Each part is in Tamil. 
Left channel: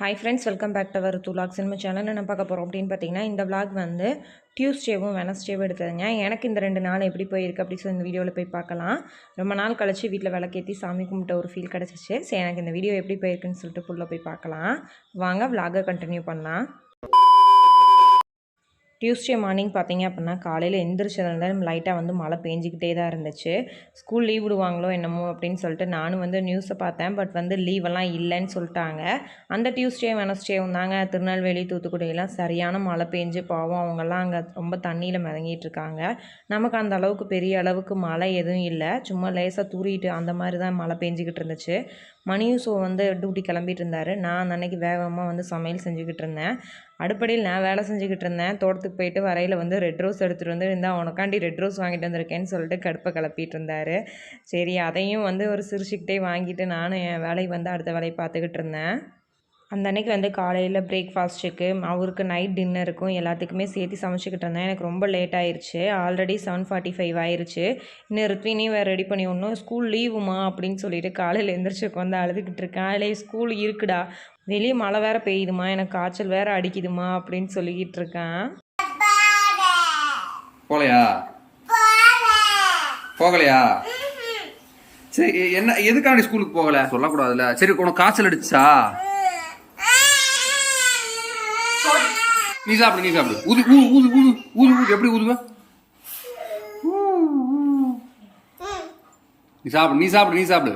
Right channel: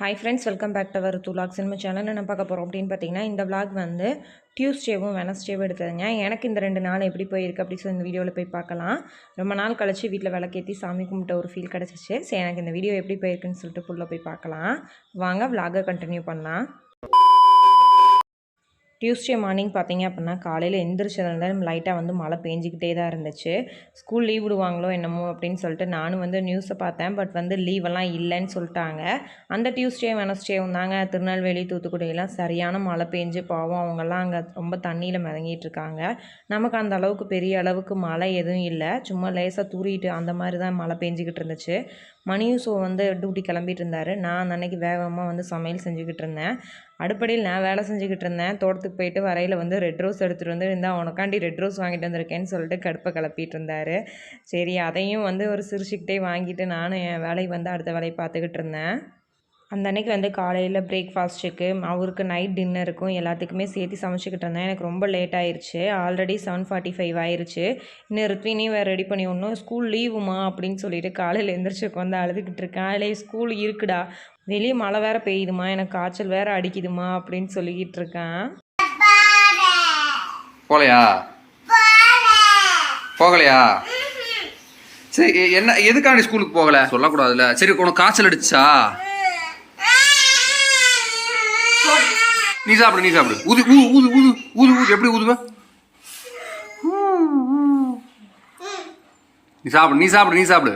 Hi friends welcome back to our துலாக் cinema channel என்ன பார்க்க போகிறோம் அப்படின்னு பார்த்தீங்கன்னா இந்த விளாக் வந்து டியூஸ்டேவும் வெனஸ்டேவும் எடுத்ததுங்க. எனக்கு இந்த ரெண்டு நாள் எப்படி போயிருக்கு அப்படி சொல்லி இந்த வீடியோவில் போய் பார்க்கலாம். ரொம்ப நாள் கழித்து வீட்டில் விளக்கேற்றி சாமி கும்பிட்ட ஒரு ஃபீல் கிடச்சிச்சு. சரி எனக்கு இந்த வீடியோ எப்படி போயிருக்குன்னு சொல்லிட்டு ஃபுல்லாக போய் பார்க்கலாம். வாங்க விளாகை கண்டினியூ பண்ணலாம். டியூஸ்டே மார்னிங் பார்த்தீங்க அப்படின்னா காலையில் எந்திரிச்சதுலேருந்து லைட்டாக வந்து மழை பெஞ்சிக்கிட்டே தான் இருந்துச்சு. ஸ்கூல் லீவ் விடுவாங்களோ என்னமோ அப்படின்னு சொல்லிட்டு நானும் வந்து நியூஸை பார்த்தேன். பட் வந்து லீவெல்லாம் இல்லைன்னு சொல்லிட்டாங்க. அந்த டியூஸ்டே வெனஸ்டேவும் தாங்க திருநெல்வேலி தூத்துக்குடியெல்லாம் சரியான மழை பெஞ்சு பாவம் அவங்கெல்லாம் அங்கே ரொம்ப தண்ணியில் மிதங்கிட்டு இருக்காங்க. நமக்கு அந்த அளவுக்கு பெரிய அளவுக்கு மழை எதுவும் இல்லை. சும்மா லேசாக தூறிட்டு அந்த மாதிரி தான் மழை பெஞ்சிக்கிட்டு இருந்துச்சு. மணியும் ஸோ வந்து டியூட்டி கிளம்பிட்டு இருந்தார். நான் அன்னைக்கு வேகமாக வந்து சமையல் செஞ்சுக்கிட்டு இருந்தேன். அடுப்படியில் நான் வேலை செஞ்சுக்கிட்டு இருந்தேன். தோட்டத்துக்கு போயிட்டு வரையில் வந்து ரெட் ரோஸ் எடுத்துகிட்டு வந்து இருந்தால் உனக்காண்டி ரெட் ரோஸ் வாங்கிட்டு வந்திருக்கேன்னு சொல்லிட்டு கடுப்பை கிளப்பிட்டு இருந்தார். சரி அதையும் வந்து ஒரு சிரிச்சுக்கிட்டே வாங்கிட்டு நானும் என் வேலையை வந்து அடுத்த வேலையை பார்த்துக்கிட்டு இருந்தேன். அந்த அன்னைக்கு வந்து காலையில் பிரேக்ஃபாஸ்ட்டுக்கு அவருக்கு நைட் டின்னருக்கும் எல்லாத்துக்குமே சேர்த்து சமைச்சிக்கிட்டு இருந்தேன். எனக்கு ரொம்ப லேட் ஆயிடுச்சு ஆல்ரெடி செவன் ஃபார்ட்டி ஃபைவ் ஆயிடுச்சு இன்னும் ருத்வினையும் வேறு ரெடி பண்ணி ஒன்றும் ஸ்கூல் லீவுமா அப்படின்னு சொல்லிட்டு காலையில் எழுந்திரிச்சு உட்காந்து அழுதுகிட்டு இருக்கேன். அதில் ஸ்கூல் இருக்குடா. வெளியே மழை வேற பெய்யுதுமா எனக்கு காய்ச்சல் வேற அடிக்குதுமா அப்படின்னு சொல்லிக்கிட்டு இருக்கேன். போகலையா? போகலையா? சரி என்ன எதுக்காண்டி ஸ்கூலுக்கு போகல? சொல்லக்கூடாதுல்ல. சரி உனக்கு காய்ச்சல் அடிச்சா? நீ சாப்பிடு நீ சாப்பிடு. ஊது ஊது ஊது ஊது ஊது ஊது. எப்படி ஊதுவ? நீ சாப்பிடு நீ சாப்பிடு நீ சாப்பிடு.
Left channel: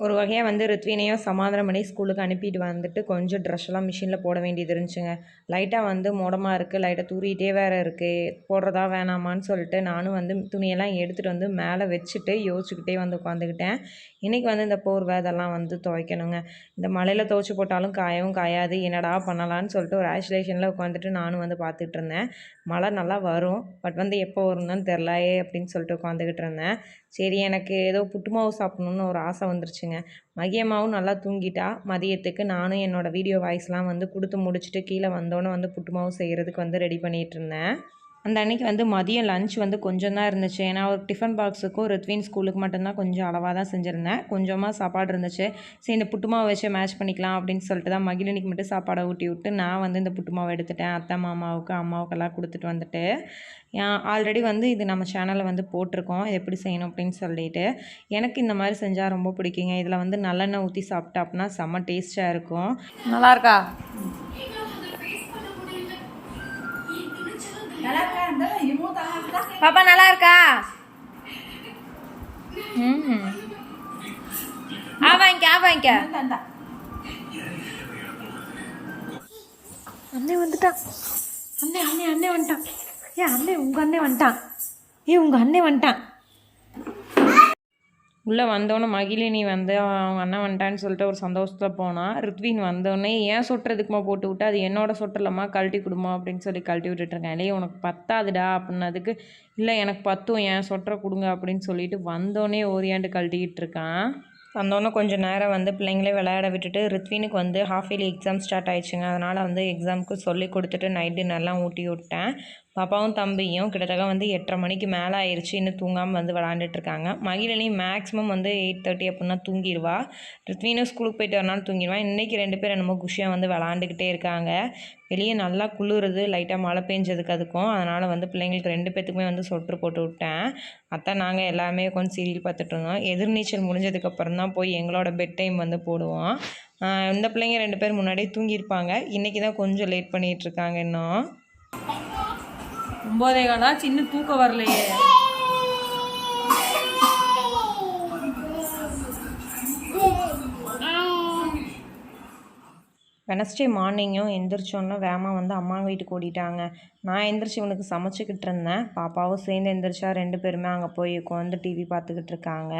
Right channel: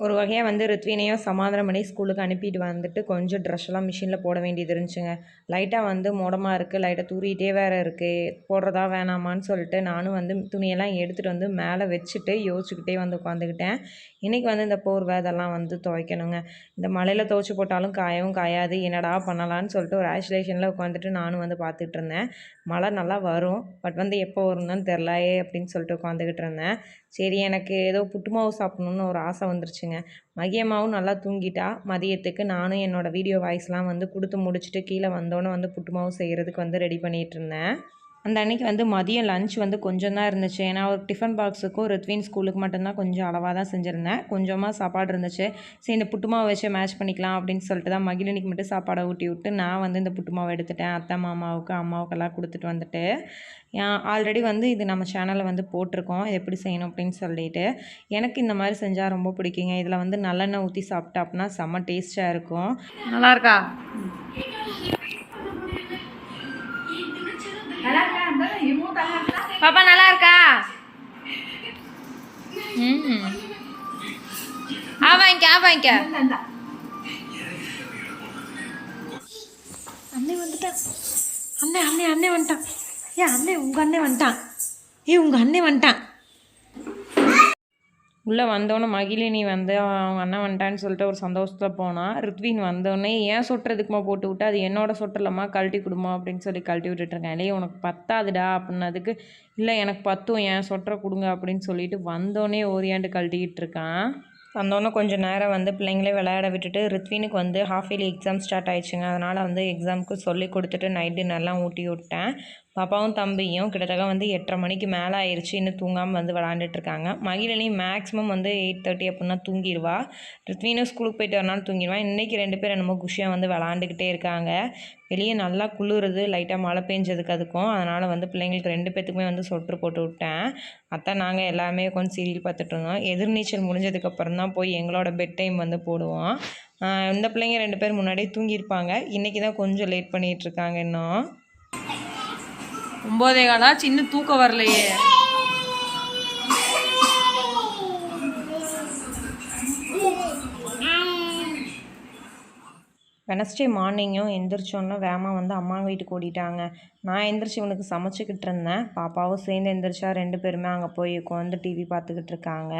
ஒரு வகையாக வந்து ரித்வினையும் சமாதானம் பண்ணி ஸ்கூலுக்கு அனுப்பிட்டு வந்துட்டு கொஞ்சம் ட்ரெஸ் மிஷினில் போட வேண்டியது இருந்துச்சுங்க. லைட்டாக வந்து மோடமாக இருக்குது லைட்டாக தூரிகிட்டே வேறு இருக்குது போடுறதா வேணாமான்னு சொல்லிட்டு நானும் வந்து துணியெல்லாம் எடுத்துகிட்டு வந்து மேலே வச்சுட்டு யோசிச்சுக்கிட்டே வந்து உட்காந்துக்கிட்டேன் இன்றைக்கி வந்து இந்த போர்வை இதெல்லாம் வந்து துவைக்கணுங்க. இந்த மழையில் துவைச்சி போட்டாலும் காயவும் காயாது. என்னடா பண்ணலான்னு சொல்லிட்டு ஒரு ஐசோலேஷனில் உட்காந்துட்டு நானும் வந்து பார்த்துட்டு இருந்தேன். மழை நல்லா வரும். பட் வந்து எப்போ வரும்னு தெரிலையே அப்படின்னு சொல்லிட்டு உட்காந்துக்கிட்டு இருந்தேன். சரி எனக்கு ஏதோ புட்டு மாவு சாப்பிட்ணுன்னு ஒரு ஆசை வந்துருச்சு வந்துருச்சுங்க மகியம்மாவும் நல்லா தூங்கிட்டா மதியத்துக்கு நானும் என்னோடய வீடியோ வாய்ஸ்லாம் வந்து கொடுத்து முடிச்சுட்டு கீழே வந்தோன்னே வந்து புட்டுமாவும் செய்கிறதுக்கு வந்து ரெடி பண்ணிகிட்டு இருந்தேன். அந்த அன்னைக்கு வந்து மதியம் லஞ்ச் வந்து கொஞ்சம் தான் இருந்துச்சு. ஏன்னா ஒரு டிஃபன் பாக்ஸுக்கும் ரித்வின் ஸ்கூலுக்கு மட்டும்தான் கொஞ்சம் அளவாக தான் செஞ்சுருந்தேன். கொஞ்சமாக சாப்பாடு இருந்துச்சு. சரி இந்த புட்டுமாவை வச்சு மேட்ச் பண்ணிக்கலாம் அப்படின்னு சொல்லிட்டு தான் மகிழினிக்கு மட்டும் சாப்பாடை ஊட்டி விட்டு நான் வந்து இந்த புட்டுமாவை எடுத்துட்டேன். அத்தை மாமாவுக்கு அம்மாவுக்கெல்லாம் கொடுத்துட்டு வந்துட்டு ஆல்ரெடி வந்து இது நம்ம சேனலில் வந்து போட்டிருக்கோம். இது எப்படி செய்யணும் அப்படின்னு சொல்லிட்டு. எனக்கு இந்த மாதிரி செஞ்சால் ரொம்ப பிடிக்குங்க. இதில் வந்து நல்லெண்ணெய் ஊற்றி சாப்பிட்டா அப்படின்னா செம்ம டேஸ்ட்டாக இருக்கும். நல்லாயிருக்கா பாப்பா நல்லா இருக்கா ம் ஆ வாங்கிக்க ஆ வாங்கிக்க. அண்ணே வந்துட்டான் அண்ணே அண்ணே அண்ணே வந்துட்டான். ஏன் அண்ணே உங்கள் அண்ணே வந்துட்டான். ஏ உங்கள் அண்ணே வந்துட்டான். உள்ளே வந்தோடனே மகிழினி வந்து அவங்க அண்ணன் வந்துட்டான்னு சொல்லிட்டு ஒரு சந்தோஷத்தில் போனான் ரித்வின் வந்தோடனே ஏன் சொட்டுறதுக்குமா போட்டு விட்டு? அது என்னோட சொட்டலம்மா கழட்டி கொடுமா? அப்படின்னு சொல்லி கழட்டி விட்டுட்ருக்கேன் இல்லையே உனக்கு பத்தாதுடா அப்படின்னதுக்கு இல்லை எனக்கு பத்தும் ஏன் சொட்டரை கொடுங்க அப்படின்னு சொல்லிட்டு வந்தோடனே ஓரியாண்டு கழட்டிக்கிட்டு இருக்கான் வந்தோடனே கொஞ்சம் நேரம் வந்து பிள்ளைங்களே விளையாட விட்டுட்டு ரித்வினுக்கு வந்து ஹாஃப் இயர்லி எக்ஸாம் ஸ்டார்ட் ஆயிடுச்சுங்க. அதனால் வந்து எக்ஸாமுக்கு சொல்லி கொடுத்துட்டு நைட் டின்னர்லாம் ஊட்டி விட்டேன். பாப்பாவும் தம்பியும் கிட்டத்தட்ட வந்து எட்டரை மணிக்கு மேலே ஆயிடுச்சு இன்னும் தூங்காமல் வந்து விளாண்டுட்டு இருக்காங்க மேக்ஸிமம் வந்து எயிட் தேர்ட்டி அப்படின்னா தூங்கிடுவா. ரித்வினும் ஸ்கூலுக்கு போயிட்டு வரனாலும் தூங்கிடுவான் இன்றைக்கி ரெண்டு பேரும் என்னமோ குஷியாக வந்து விளாண்டுக்கிட்டே இருக்காங்க. வெளியே நல்லா குளிருது. லைட்டாக மழை பெஞ்சதுக்கு அதுக்கும். அதனால் வந்து பிள்ளைங்களுக்கு ரெண்டு பேத்துக்குமே வந்து சொட்டு போட்டு விட்டேன். அத்தை நாங்கள் எல்லாமே கொஞ்சம் சீரியல் பார்த்துட்டு இருந்தோம் எதிர்நீச்சல் முடிஞ்சதுக்கப்புறம் தான் போய் எங்களோட பெட் டைம் வந்து போடுவோம். இந்த பிள்ளைங்க ரெண்டு பேர் முன்னாடியே தூங்கியிருப்பாங்க. இன்றைக்கி தான் கொஞ்சம் லேட் பண்ணிகிட்ருக்காங்க இன்னும். ஒம்போதே காலாச்சு இன்னும் தூக்கம் வரலையே. வெனஸ்டே மார்னிங்கும் எந்திரிச்சோன்னா வேமா வந்து அம்மா வீட்டுக்கு ஓடிட்டாங்க. நான் எந்திரிச்சு இவனுக்கு சமைச்சிக்கிட்டு இருந்தேன். பாப்பாவும் சேர்ந்து எந்திரிச்சா ரெண்டு பேருமே அங்கே போய் உட்காந்து டிவி பார்த்துக்கிட்டு இருக்காங்க.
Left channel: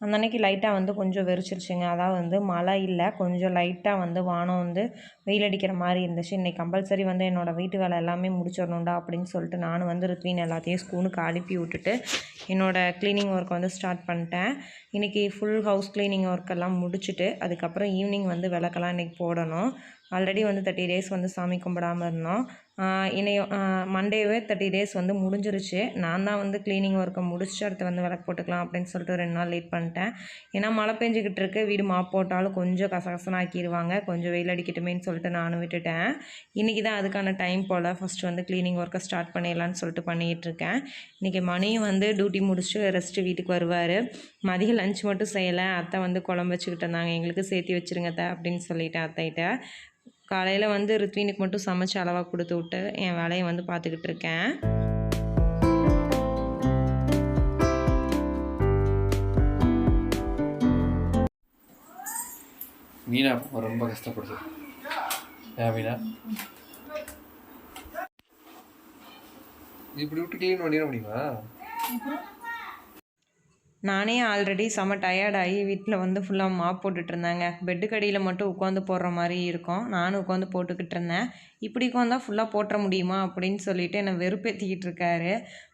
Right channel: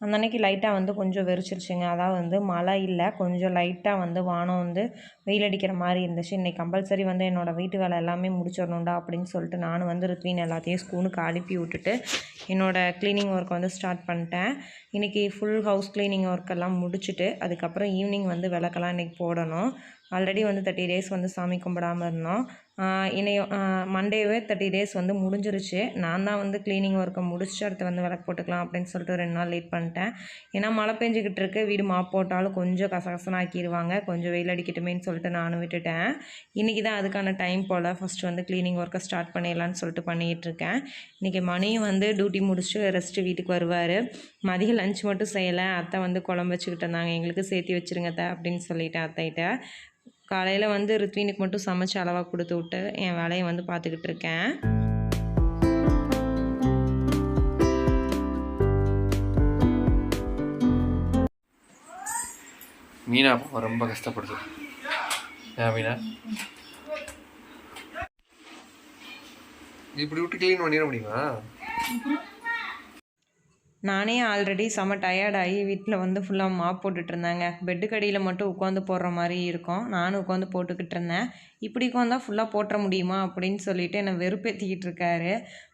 அந்த அன்னைக்கு லைட்டாக வந்து கொஞ்சம் வெறிச்சிருச்சுங்க. அதாவது வந்து மழை இல்லை கொஞ்சம் லைட்டாக வந்து வானம் வந்து வெயில் அடிக்கிற மாதிரி இருந்துச்சு. இன்றைக்கி கம்பல்சரி வந்து என்னோடய வீட்டு வேலை எல்லாமே முடிச்சிடணும்டா அப்படின்னு சொல்லிட்டு நானும் வந்து ருத்வின் எல்லாத்தையும் ஸ்கூலுக்கு அனுப்பி விட்டுட்டு என்னோடய க்ளீனிங் ஒர்க் வந்து ஸ்டார்ட் பண்ணிட்டேன். இன்றைக்கி ஃபுல் ஹவுஸ் க்ளீனிங் ஒர்க் எல்லாம் முடிச்சுட்டு அதுக்கப்புறம் ஈவினிங் வந்து விளக்கெல்லாம் இன்றைக்கி போடணும். ஆல்ரெடி வந்து தேர்ட்டி டேஸ் வந்து சாமி கும்பிடாம இருந்தோம். இனியும் மண்டேவே தேர்ட்டி டேஸ் வந்து முடிஞ்சிருச்சு. நான் தான் வந்து க்ளீனிங் ஒர்க்கை முடிச்சுட்டு அடுத்து வந்து விளக்கு போட்டுக்கலாம் அப்படின்னு சொல்லிட்டு ரெண்டு நாள் லேட் பண்ணிட்டேன். ஏன்னா மழை பெஞ்சிக்கிட்டு இருக்கு. வீடு மாப் போட்டாலும் கொஞ்சம் கசகசனாக ஆக்கிடுவாங்க கொஞ்சம் வெயில் அடிக்கட்டுமேன்னு சொல்லிட்டு நானும் விட்டுட்டேன். இன்றைக்கி தான் அதுக்கான டைம் போல் ஃபஸ்ட்டு வந்து க்ளீனிங் ஒர்க்கை ஸ்டார்ட் பண்ணிடலான்னு சொல்லிட்டு பண்ணிகிட்டு இருக்கேன். இன்றைக்கி மணியும் வந்து டியூட்டி முடிச்சுட்டு ரெஸ்ட்டு வீட்டுக்கு வருவார். மதியம் லஞ்ச் மட்டும் செய்யலை. அத்தை வந்து குழம்பு வச்சுக்கிட்டு இருந்தாங்க. எங்களுக்கு சேர்த்து வச்சுருங்க அத்தை அப்படின்னு சொல்லிட்டேன் அத்தைகிட்ட. காலையில் வந்து ருத்வினுக்கு மட்டும் சமைச்சு அளவாக கொடுத்து விட்டு என் வேலையை வந்து பார்த்துக்கிட்டு இருக்கேன். மீனா பாப்பா ரொம்ப கஷ்டப்படுது. ஏன் மீனா? இப்படி விட்டு க்ளீன் பண்ணிட முடியுமா? நானே ஆல்ரெடி செம்ம டயர்டாகி வீட்டில் வந்து ஃபுல்லாக மாப் போட்டுட்டு இருந்தாங்க. பெட்டுக்கு அடியில் மட்டும் உட்காந்து போடுற மாதிரி இருக்கும். நானும் உட்காந்து போட்டுக்கிட்டு இருந்தேன். இப்படி உட்காந்தா ஃபுல்லாக போட்டுற முடியுமா அப்படின்னு சொல்லிட்டு என்னை வெறுப்பேற்றிக்கிட்டு இருக்காரு.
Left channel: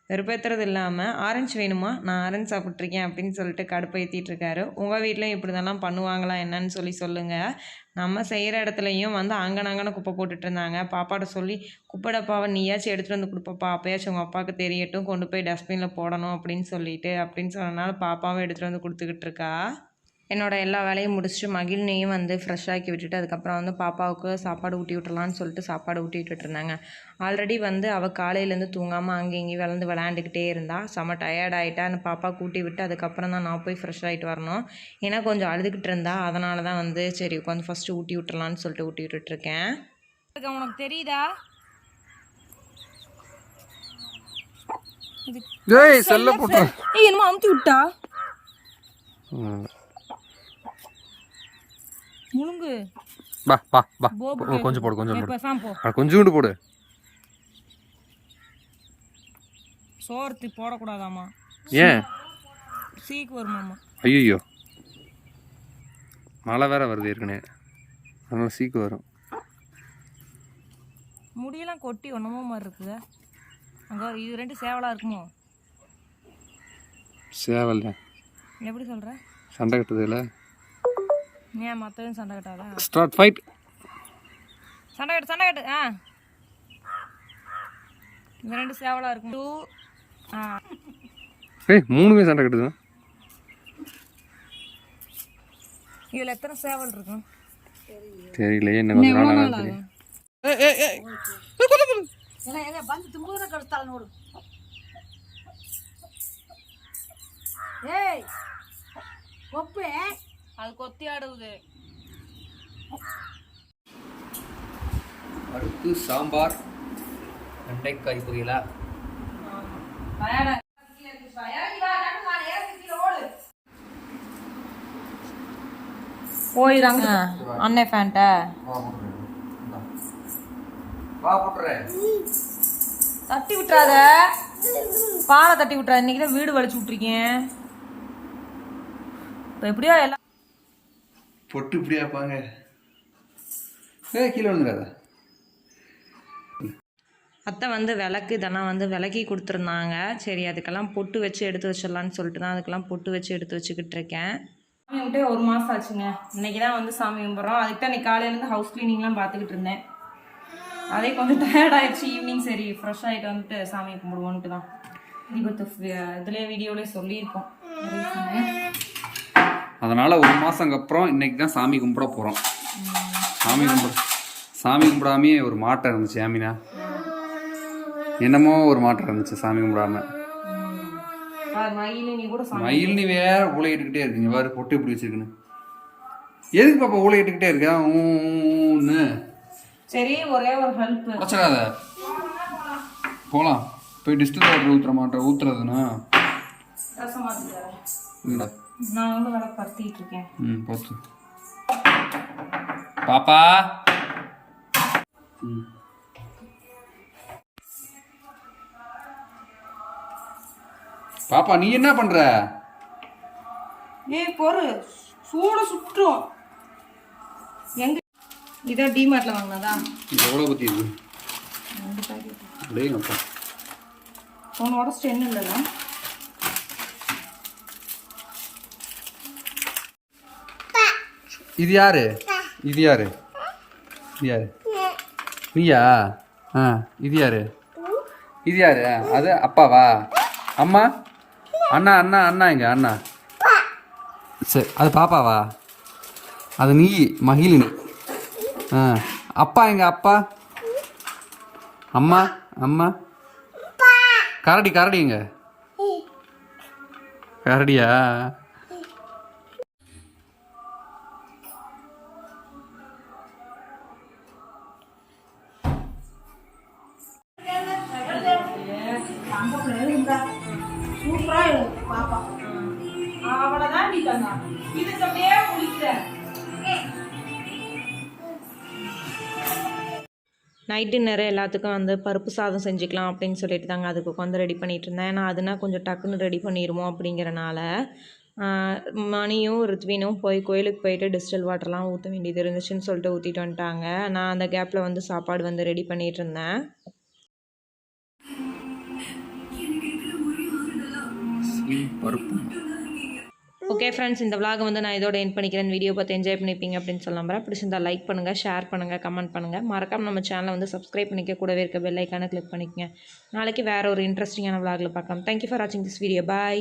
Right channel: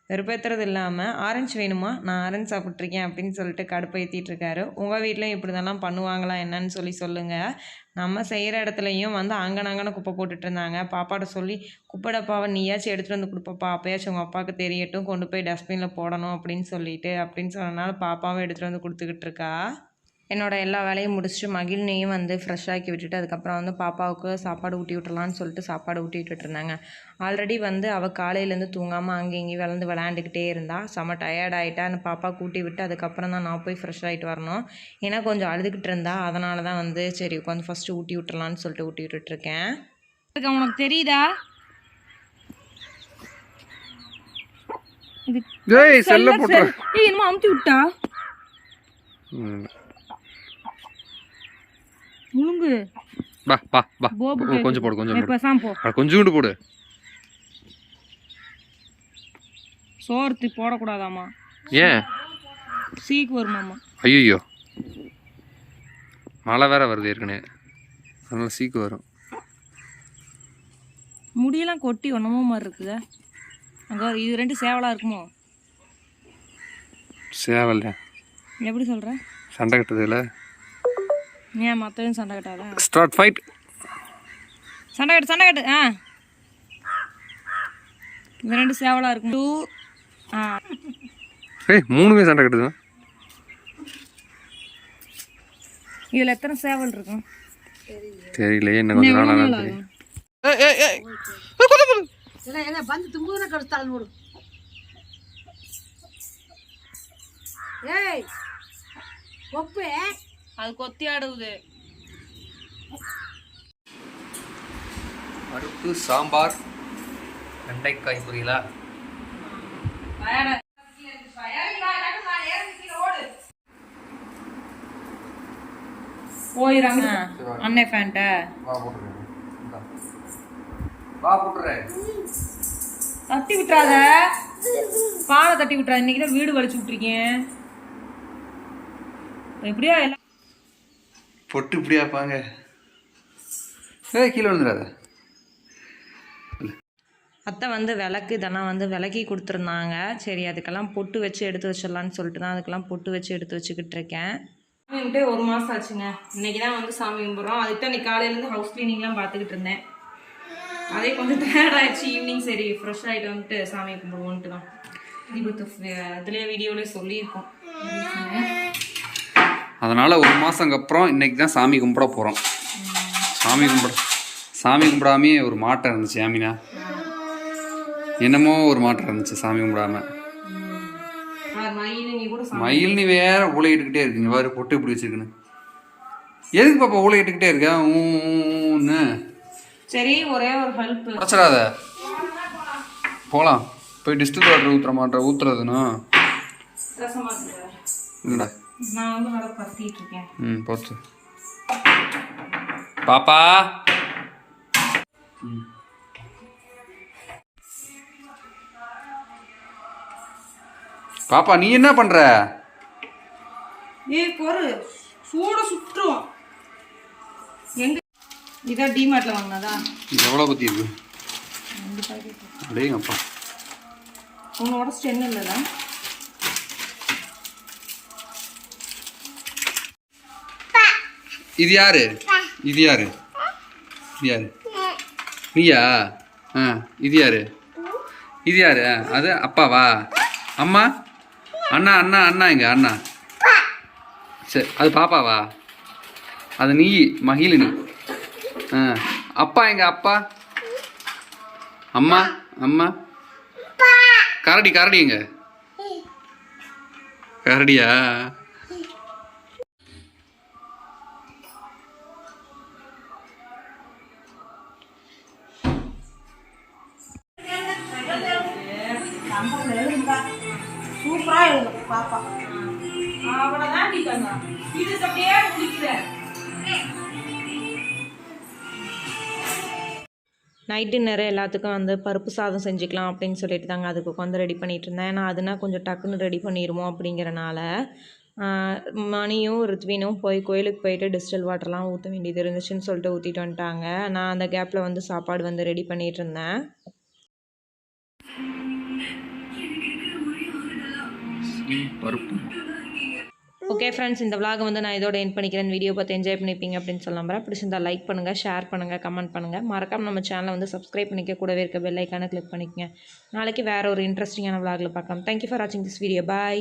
வெறுப்பேற்றுறது இல்லாமல் ஆரஞ்சு வேணுமா? நான் ஆரஞ்சு சாப்பிட்ருக்கேன் அப்படின்னு சொல்லிட்டு கடுப்பேற்றிட்டு இருக்காரு. உங்கள் வீட்டிலையும் இப்படி பண்ணுவாங்களா? என்னன்னு சொல்லி சொல்லுங்கள் நம்ம செய்கிற இடத்துலையும் வந்து அங்கனங்கன குப்பை போட்டுட்டு இருந்தாங்க. பாப்பாட்ட சொல்லி குப்பை டப்பாவை நீயாச்சும் எடுத்துகிட்டு வந்து கொடுப்பாப்பா. அப்பயாச்சும் உங்கள் அப்பாவுக்கு தெரியட்டும். கொண்டு போய் டஸ்ட்பினில் போடணும் அப்படின்னு சொல்லிட்டு அப்படின்னு சொன்னனால பாப்பாவும் எடுத்துகிட்டு வந்து கொடுத்துக்கிட்டு இருக்கா? என்னோட எல்லா வேலையும் முடிச்சுட்டு மகிழ்னையும் வந்து ஃப்ரெஷ் ஆக்கி விட்டுட்டு அதுக்கப்புறம் வந்து பாப்பாவுக்கு சாப்பாடு ஊட்டி விட்டுறலான்னு சொல்லிட்டு சாப்பாடு ஊட்டி விட்டுட்டு இருந்தாங்க. ஆல்ரெடி வந்து அவள் காலையிலேருந்து தூங்காமல் அங்கே இங்கேயும் விளாண்டு விளையாண்டுக்கிட்டே இருந்தா. செம்ம டயர்ட் ஆகிட்டா அந்த பாப்பா கூட்டி விட்டு அதுக்கப்புறம் தான் நான் போய் ஃப்ரெஷ் ஆகிட்டு வரணும். ஏன்னா கொஞ்சம் அழுதுகிட்டு இருந்தா. அதனால தான் வந்து சரி உட்காந்து ஃபஸ்ட்டு ஊட்டி விட்டுறலான்னு சொல்லிட்டு ஊட்டி விட்டுட்ருக்கேன் உனக்கு தெரியுதா? இது ஏய் செல்ல போட்டு. ஏய் என்னமோ அமுத்தி விட்டா? முழுங்கு பா பா பா கொஞ்சம் போடு கொஞ்சம் போடு. பேசாம போ அட கொஞ்சோண்டு போடு. சோர்த்து போடக்கூடாதாம்மா. ஏன்? சீக்கு வருமாம்மா. ஐயோ மழை வேற வருது ஏற்கனவே. அதனால சீக்கு வரும். முடியெல்லாம் கொட்டி ஒன்றமோ மாதிரி இருக்குதா. அங்கே இது ரெண்டு சேவலாக இருக்குமோ? சேவல் எப்படி சொல்கிற சண்டை கட்டுறதுல ஏன் மற்றவன் சண்டை கட்டாத? ஸ்டார்ட் ஃபைட் சண்டை கட்டு சண்டை கட்டு ஆ. இது ரெண்டு சேவலாக இருக்கும். டூ ஆ. ஏய் மூணுமே சண்டை கட்டுது. இதில் எத்தனை சேவல் இருக்கும்? தெரியலையே என்ன கொஞ்ச நாள் ஆனால் தெரியும். ஏய் ஏய் ஏய். அது கொத்தி ஆடுவது பருப்பு சாம்பார் வெண்டைக்காய் பொரியலா. போயிடாங்க அண்ணே வா போட்டுறேன் தட்டி விட்டுறாத. பாலை தட்டி விட்டுறாத. இன்னைக்கு வீடு வலிச்சு விட்ருக்கேன் இப்போ எப்படியோ எல்லாம் பொட்டு இப்படியா பாங்க ஏய் கீழே விழுந்துடாத. அத்தை வந்து விளக்கு இதெல்லாம் வந்து விளக்கி கொடுத்துருந்தாங்க. சரி அதுக்கெல்லாம் பொட்டு வச்சு எடுத்து வச்சிடலான்னு சொல்லிட்டு தான் அதுக்கெல்லாம் பொட்டு வச்சு எடுத்து வச்சுக்கிட்டு இருக்கேன். சாமி கும்பிட்டே ஒரு மாதம் ஆச்சுங்க. இன்னைக்கு தான் வந்து சாமி கும்பிட்றோம். அதுக்கு தான் இன்னைக்கு காலையிலேருந்து ஹவுஸ் க்ளீனிங்லாம் பார்த்துக்கிட்டு இருந்தேன். அதே கொஞ்சம் டயர்ட் ஆயிடுச்சு. ஈவினிங் சரி ஃப்ரெஷ் ஆகிட்டு வந்துட்டு சாமி கும்பிடுவோன்ட்டு தான். தீபத்து இதுலேயே வீடியோலேயே சொல்லியிருக்கோம். அதனால் ஒரு மாதங்க அப்புறம் இன்னைக்கு தான் சாமி கும்பிட போகிறோம் சாமி கும்பிட சாமி கும்பிடாமே ஒரு மாட்டம் இருந்துச்சு ஆமினா என்னமோ ஒரு மாட்டம் இருந்துச்சு சாமி கும்பிடாம. மயில் நீ கூட சாமி மயில் நீ வேற ஊழையிட்டுக்கிட்டே இருக்குங்க. வேறு பொட்டு இப்படி வச்சிருக்குன்னு. எதுக்கு பாப்பா ஊழையிட்டுக்கிட்டே இருக்க? ஊன்னு. சரி ஒரே ஒரு ஹெல்ப் உடச்சிடாத போகலாம் போய் டிஸ்டில் வாட்டர் ஊற்றுற மாட்டேன். இருக்காரு இல்லைடா நான் வந்து பத்திட்டு இருக்கேன் ம் போச்சு பாப்பா! ம். பாப்பா நீ என்ன பண்ற? ஏய் பொறு. சூடு சுற்றும் எங்க இதான் டிமார்ட்ல வாங்கினதா? இது எவ்வளோ பத்தி இருக்கு? ரெண்டு பாக்கெட் அடேங்கப்பா. ஒன்று உடச்சிட்டு என்ன இது யாரு? இது யாரு? இது யாரு? நீயா? ஆ இது யாரு? இது யாரு? ஆ, அது அப்பாவா? அம்மா? அண்ணா அண்ணா அண்ணா எங்க அண்ணா. சரி அது பாப்பாவா? அது நீ மகிழினி. ஆ அப்பா எங்க அப்பா? அம்மா அம்மா. கரடி கரடி எங்க? கரடியா? அப்படியே நைட் டின்னர் எல்லாத்துக்கும் வந்து பருப்பு சாதம் செஞ்சுக்கலாம் அப்படின்னு சொல்லிட்டு தாங்க அதுக்கு உட்காந்து ரெடி பண்ணிட்டு இருந்தேன். ஏன்னா அதுனா கொஞ்சம் டக்குன்னு ரெடி பண்ணிடுமோ அப்படிங்கிறனால மணியும் ருத்வினும் போய் கோயிலுக்கு போயிட்டு டிஸ்டில் வாட்டர்லாம் ஊற்ற வேண்டியது இருந்துச்சுன்னு சொல்லிட்டு ஊற்றிட்டு வந்துட்டாங்க. நான் அந்த கேப்பில் வந்து சாப்பாடு வந்து ரெடி பண்ணிட்டு இருந்தேன். பருப்பு? ஓகே ஃப்ரெண்ட்ஸ் இந்த vlog வந்து நான் இதோட என் பண்ணிக்கிறேன். வீடியோ பார்த்து என்ஜாய் பண்ணிப்பீங்க அப்படின்னு சொல்ல நம்புறேன். பிடிச்சிருந்தா லைக் பண்ணுங்கள் ஷேர் பண்ணுங்கள் கமெண்ட் பண்ணுங்கள் மறக்காமல் நம்ம சேனலை வந்து சப்ஸ்கிரைப் பண்ணிக்க கூடவே இருக்க பெல்லைக்கான கிளிக் பண்ணிக்கங்க. நாளைக்கு வேறு ஒரு இன்ட்ரெஸ்டிங்கான vlogல பார்க்கலாம். தேங்க்யூ ஃபார் வாட்சிங் திஸ் வீடியோ பாய்